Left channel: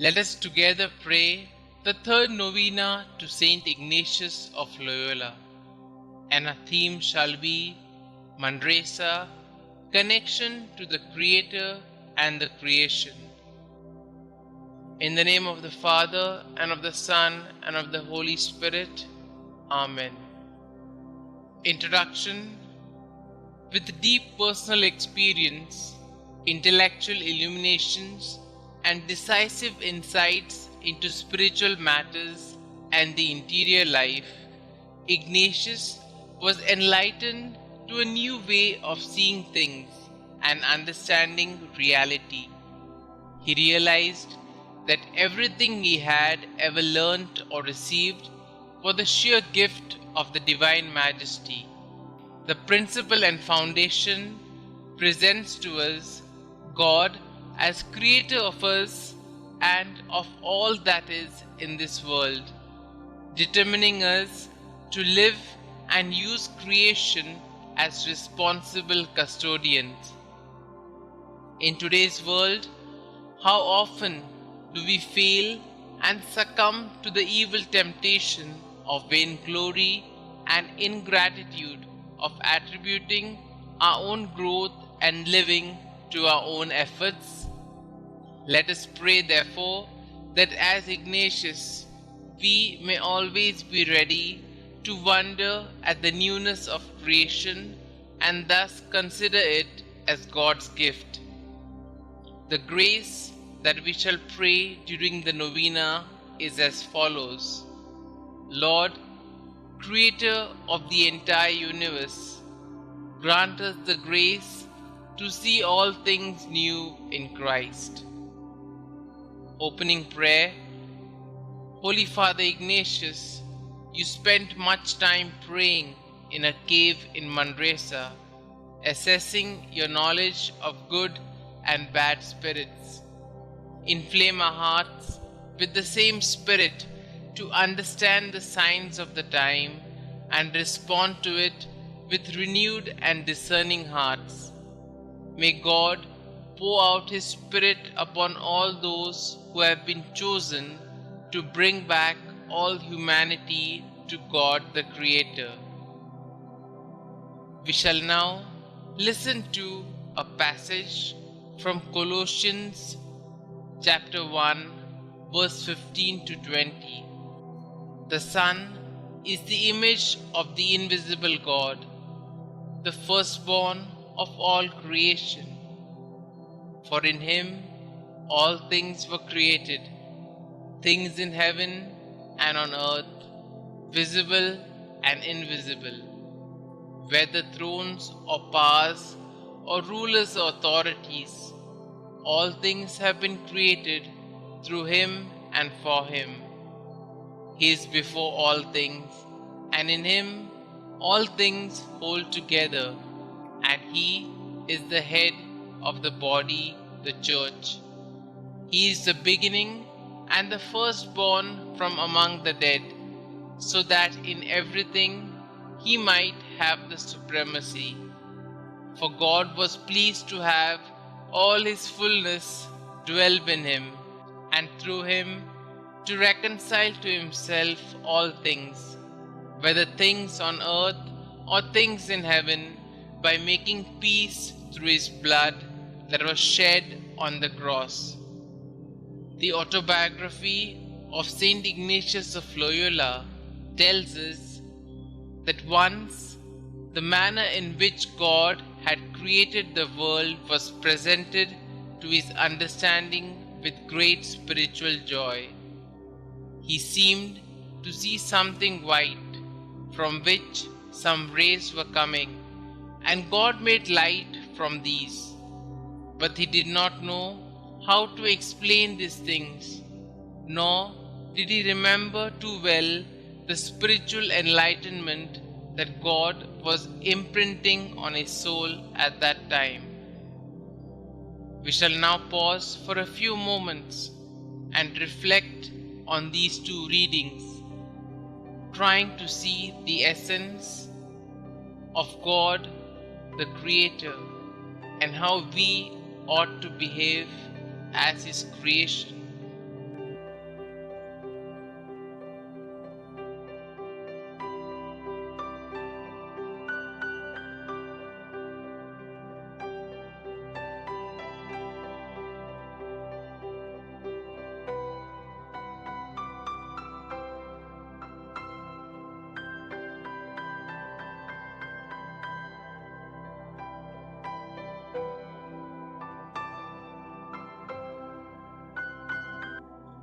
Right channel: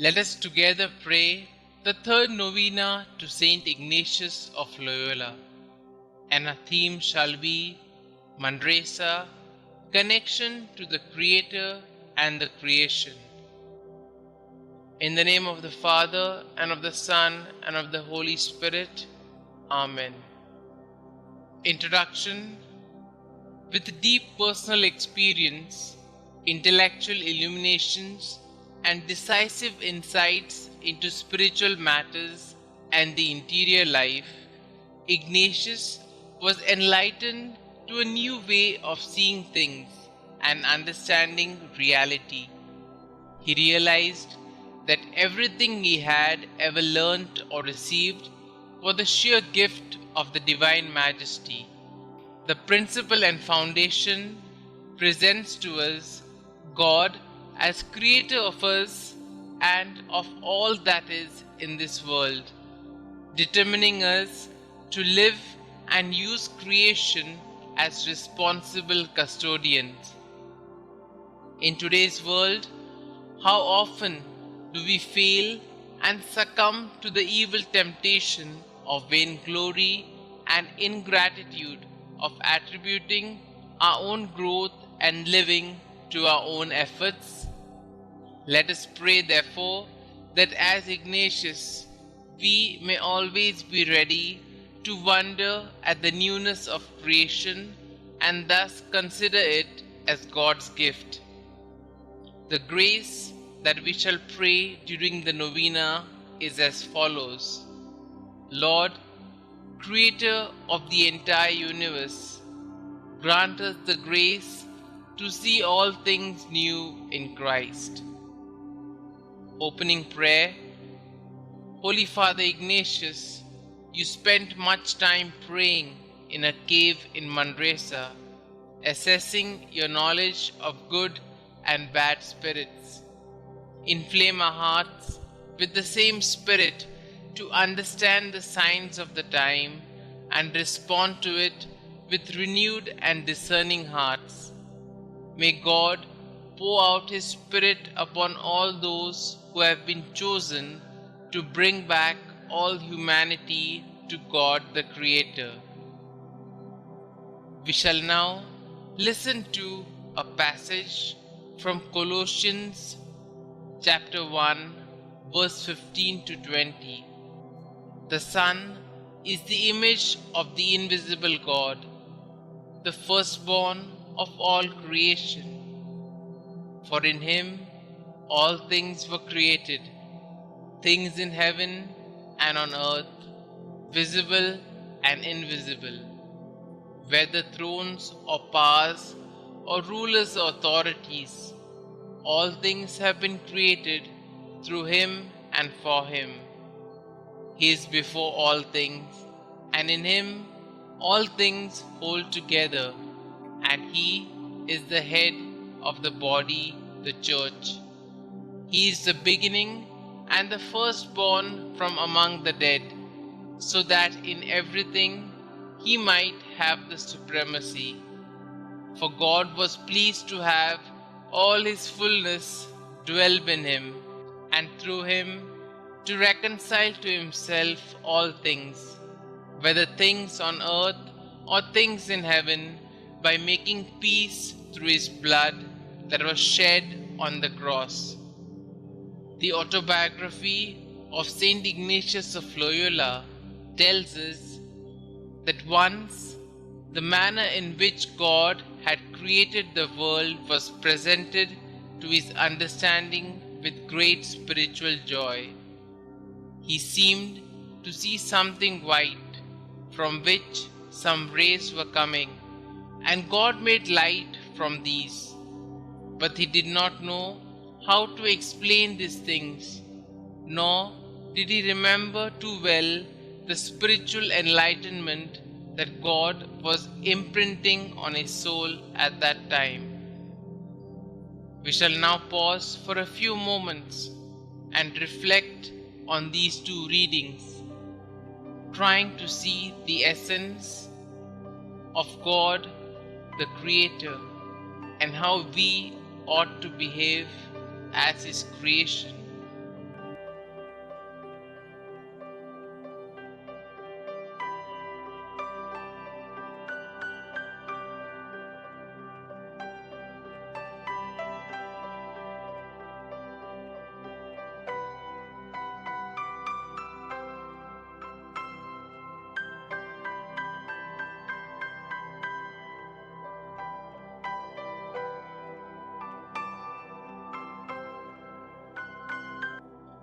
Let us together pray the third novena to Saint Ignatius of Loyola, and our theme shall be Manresa, connection to the Creator and the creation. In the name of the Father, and of the Son, and of the Holy Spirit. Amen. Introduction. With deep personal experience, intellectual illuminations, and decisive insights into spiritual matters and the interior life, Ignatius was enlightened to a new way of seeing things and understanding reality. He realized that everything he had ever learnt or received was the sheer gift of the Divine Majesty. The principle and foundation presents to us God as creator of us and of all that is in this world, determining us to live and use creation as responsible custodians. In today's world, how often do we fail and succumb to the evil temptation of vainglory and ingratitude of attributing our own growth and living to our own efforts? Let us pray, therefore, that as Ignatius, we may always be ready to wonder at the newness of creation and thus consider it as God's gift. The grace that we shall pray during the novena is as follows. Lord, Creator of the entire universe, grant us the grace to see all things new in Christ. Opening prayer. Holy Father Ignatius, you spent much time praying in a cave in Manresa, assessing your knowledge of good and bad spirits. Inflame our hearts with the same spirit to understand the signs of the time and respond to it with renewed and discerning hearts. May God pour out His Spirit upon all those who have been chosen to bring back all humanity to God the Creator. We shall now listen to a passage from Colossians chapter 1, verse 15 to 20. The Son is the image of the invisible God, the firstborn of all creation. For in Him all things were created, things in heaven and on earth, visible and invisible, whether thrones or powers or rulers or authorities. All things have been created through Him and for Him. He is before all things, and in Him all things hold together, and He is the head of the body, the Church. He is the beginning and the firstborn from among the dead, so that in everything He might have the supremacy. For God was pleased to have all His fullness dwell in Him, and through Him to reconcile to Himself all things, whether things on earth or things in heaven, by making peace through His blood that was shed on the cross. The autobiography of Saint Ignatius of Loyola tells us that once the manner in which God had created the world was presented to his understanding with great spiritual joy. He seemed to see something white, from which some rays were coming, and God made light from these. But he did not know how to explain these things, nor did he remember too well the spiritual enlightenment that God was imprinting on his soul at that time. We shall now pause for a few moments and reflect on these two readings, trying to see the essence of God, the Creator, and how we ought to behave as His creation.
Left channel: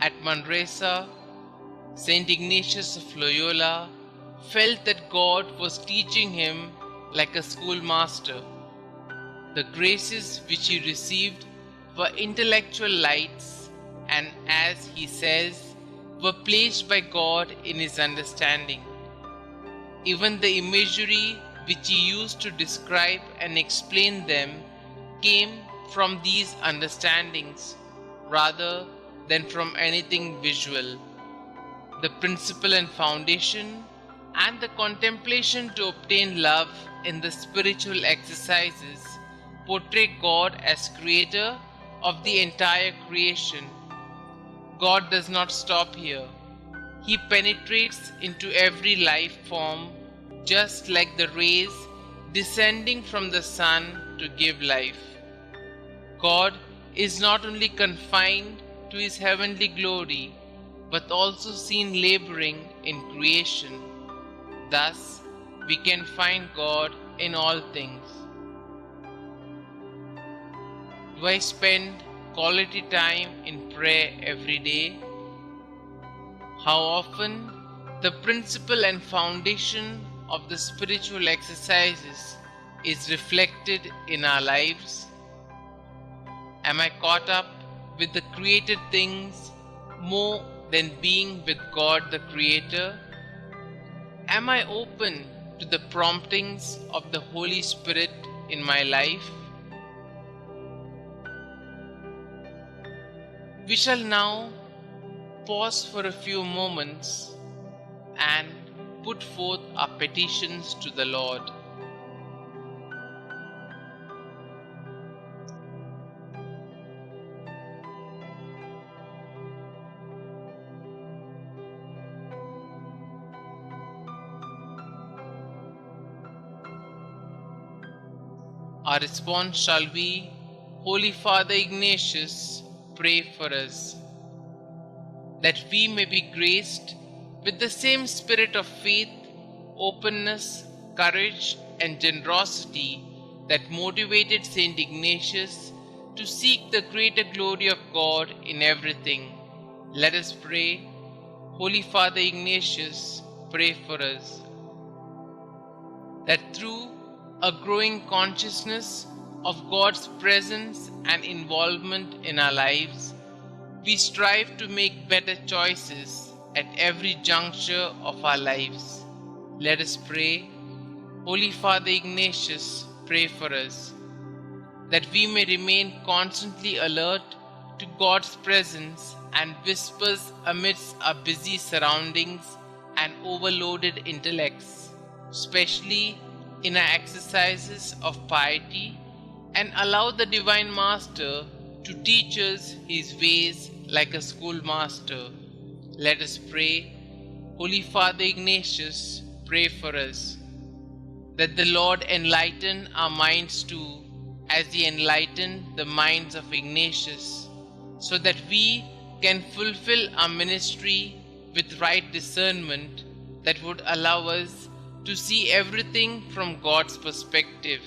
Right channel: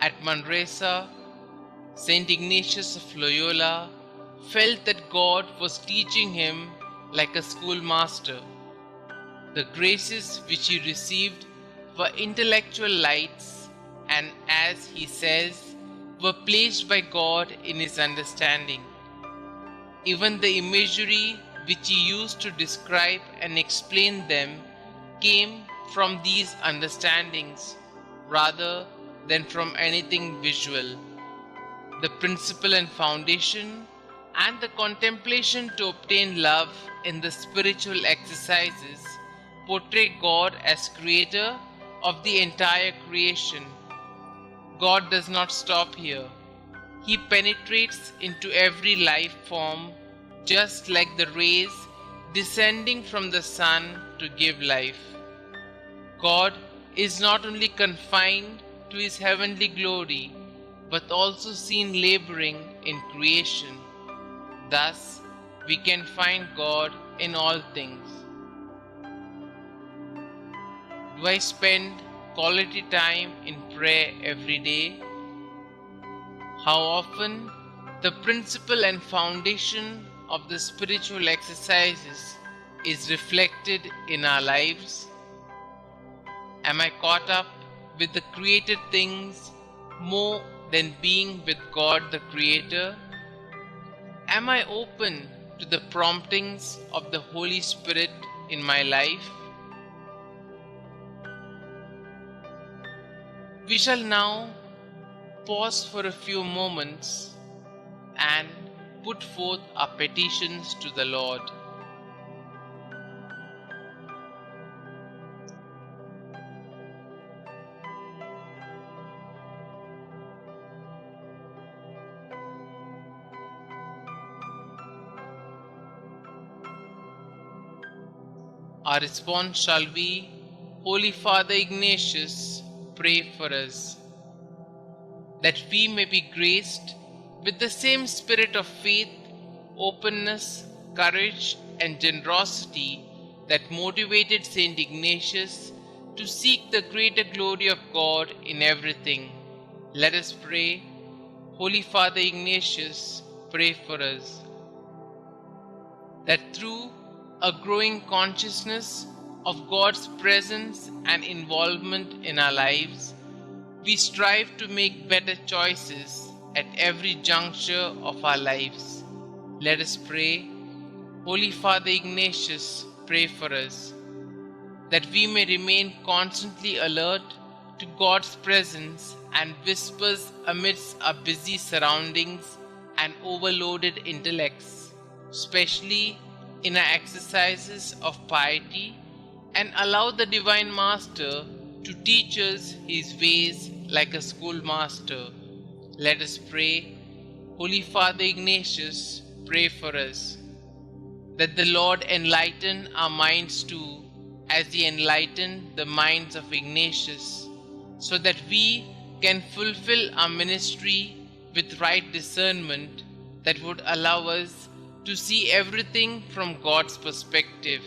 At Manresa, St. Ignatius of Loyola felt that God was teaching him like a schoolmaster. The graces which he received were intellectual lights, and as he says, were placed by God in his understanding. Even the imagery which he used to describe and explain them came from these understandings rather than from anything visual. The principle and foundation and the contemplation to obtain love in the spiritual exercises portray God as creator of the entire creation. God does not stop here. He penetrates into every life form, just like the rays descending from the sun to give life. God is not only confined to his heavenly glory, but also seen laboring in creation. Thus, we can find God in all things. Do I spend quality time in prayer every day? How often the principle and foundation of the spiritual exercises is reflected in our lives? Am I caught up with the created things more than being with God the Creator? Am I open to the promptings of the Holy Spirit in my life? We shall now pause for a few moments and put forth our petitions to the Lord. Our response shall be, Holy Father Ignatius, pray for us, that we may be graced with the same spirit of faith, openness, courage, and generosity that motivated St. Ignatius to seek the greater glory of God in everything. Let us pray. Holy Father Ignatius, pray for us, that through a growing consciousness of God's presence and involvement in our lives, we strive to make better choices at every juncture of our lives. Let us pray. Holy Father Ignatius, pray for us, that we may remain constantly alert to God's presence and whispers amidst our busy surroundings and overloaded intellects, especially in our exercises of piety, and allow the Divine Master to teach us his ways like a schoolmaster. Let us pray. Holy Father Ignatius, pray for us, that the Lord enlighten our minds too, as he enlightened the minds of Ignatius, so that we can fulfill our ministry with right discernment that would allow us to see everything from God's perspective.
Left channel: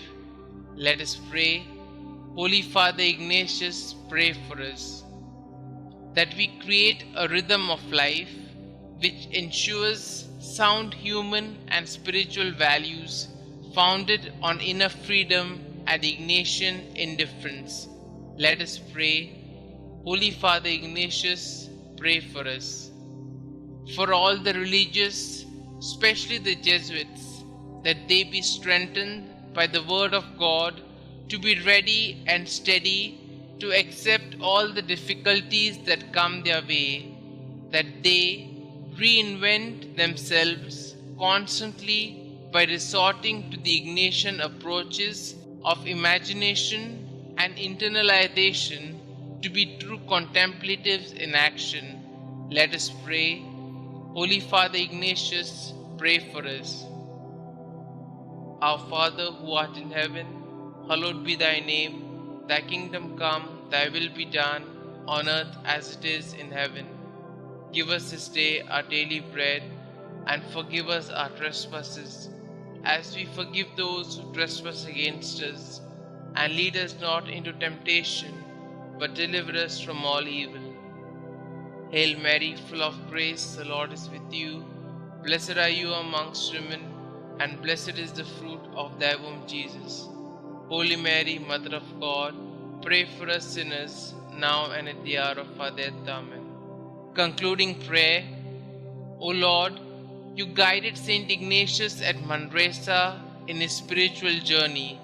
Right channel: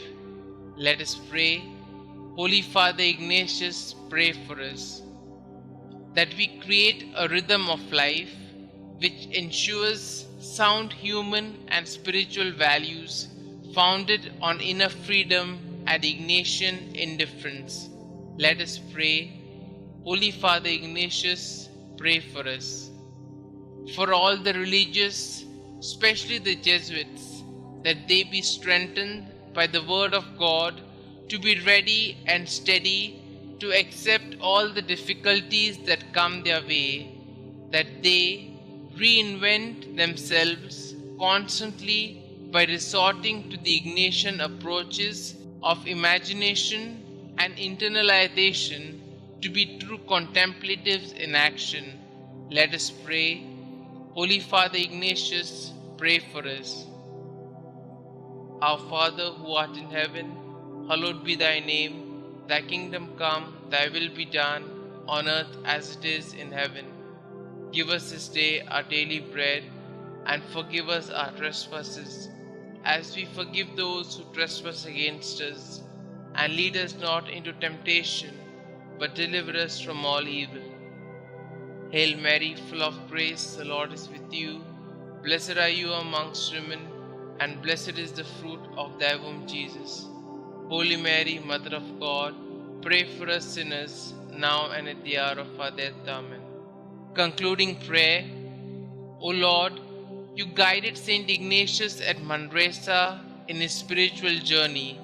Let us pray. Holy Father Ignatius, pray for us, that we create a rhythm of life which ensures sound human and spiritual values founded on inner freedom and Ignatian indifference. Let us pray. Holy Father Ignatius, pray for us. For all the religious, especially the Jesuits, that they be strengthened by the word of God to be ready and steady to accept all the difficulties that come their way, that they reinvent themselves constantly by resorting to the Ignatian approaches of imagination and internalization to be true contemplatives in action. Let us pray. Holy Father Ignatius, pray for us. Our Father who art in heaven, hallowed be thy name. Thy kingdom come, thy will be done, on earth as it is in heaven. Give us this day our daily bread, and forgive us our trespasses, as we forgive those who trespass against us. And lead us not into temptation, but deliver us from all evil. Hail Mary, full of grace, the Lord is with you. Blessed are you amongst women, and blessed is the fruit of thy womb, Jesus. Holy Mary, Mother of God, pray for us sinners, now and at the hour of our death. Amen. Concluding prayer. O Lord, you guided Saint Ignatius at Manresa in his spiritual journey.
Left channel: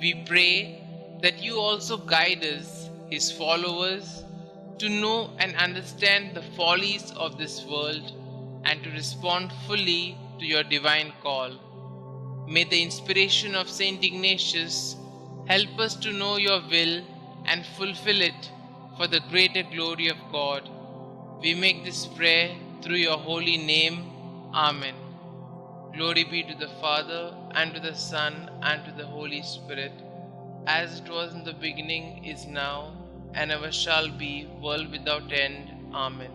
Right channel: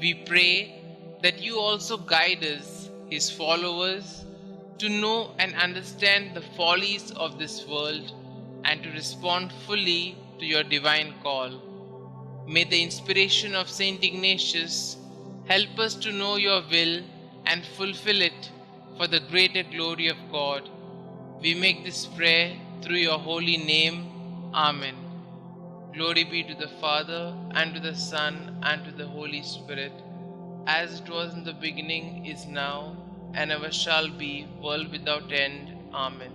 We pray that you also guide us, his followers, to know and understand the follies of this world and to respond fully to your divine call. May the inspiration of Saint Ignatius help us to know your will and fulfill it for the greater glory of God. We make this prayer through your holy name. Amen. Glory be to the Father, and to the Son, and to the Holy Spirit, as it was in the beginning, is now, and ever shall be, world without end. Amen.